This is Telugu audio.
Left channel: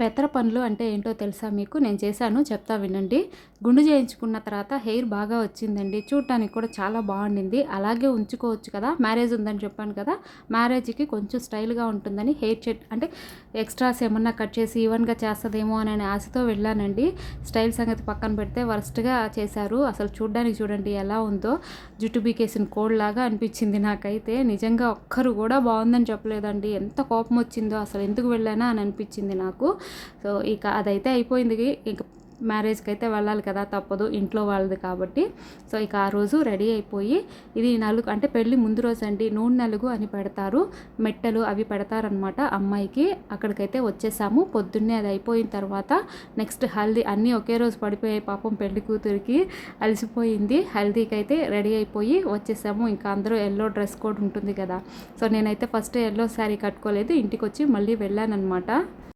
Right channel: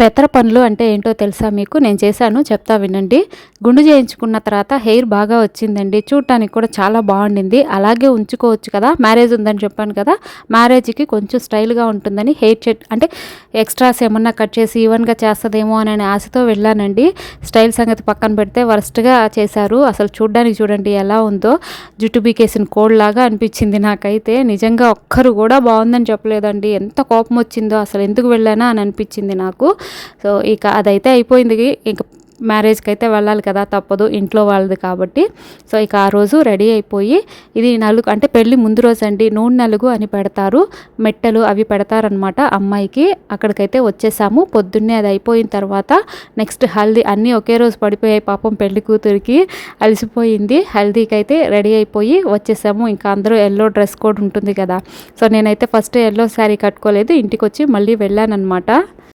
పెత్తర పనులు అంటే ఏంటో తెలుసా మీకు? నేను చేశాను, చెప్తా వినండి. గుండు చేయించుకున్న తర్వాత హెయిర్ బాగా వచ్చిందండి. చూడటానికి కూడా చాలా బాగుండింది. అలాగే ఉంచుకోవచ్చు కదా! మ్యారేజ్ ఉందని చెప్పాను కదా! మ్యారేజ్‌కి కొంచెం స్టైల్‌గా ఉంటుందని హెయిర్ అంటే ఎక్స్ట్రాస్ ఏమన్నా కట్ చేసి ఈవెన్‌గా చేస్తదేమో అనే ఆశతో వెళ్ళానండి. స్టైల్ సంగతి పక్కన పెడితే వరస్ట్‌గా చేశారు. అసలు చూడ్డానికి చూడండి ఎలా ఉందో. జుట్టు పీకేసిన కోడిలాగా అనిపించింది నాకైతే. నిజంగా ఒక్కరు కూడా బాగుందని చెప్పలేదండి. ఎంత కోపం వచ్చిందో, అసలు ఎందుకు వెళ్ళానా అని అనిపించింది నాకు. సో ఇక అదైతే అయిపోయింది. ఇంక మ్యారేజ్‌కైతే వెళ్ళాలి కదా! తప్పదు, ఇంట్లో వాళ్ళది కాబట్టి. సో ఇక ఆ రోజు రెడీ అయిపోయి, ఇది నలుగు అంటే పెళ్లి ముందు రోజండి. నూనె నలుగు అని పెడతారు. మెట్టెలు అవి పెడతారనమాట అమ్మాయికి. అక్కడికైతే వచ్చేసాము. పొద్దున్నే అది అయిపోయిన తర్వాత నెక్స్ట్ హల్దీ అన్నీ ఒకే రోజు పడిపోయాయి పాపం పెళ్లి కూతురికి. అలసిపోయింది. హల్దీకైతే రెడీ అయిపోయి వచ్చేసాము. ఇంకా అందరూ యెల్లో డ్రెస్ కోడ్ ఉంటుంది కదా! సో నేనైతే ఫస్ట్ యెల్లో శారీ కట్టుకోలేదు. ఇంటికొచ్చి మళ్ళీ వెళ్ళాననమాట.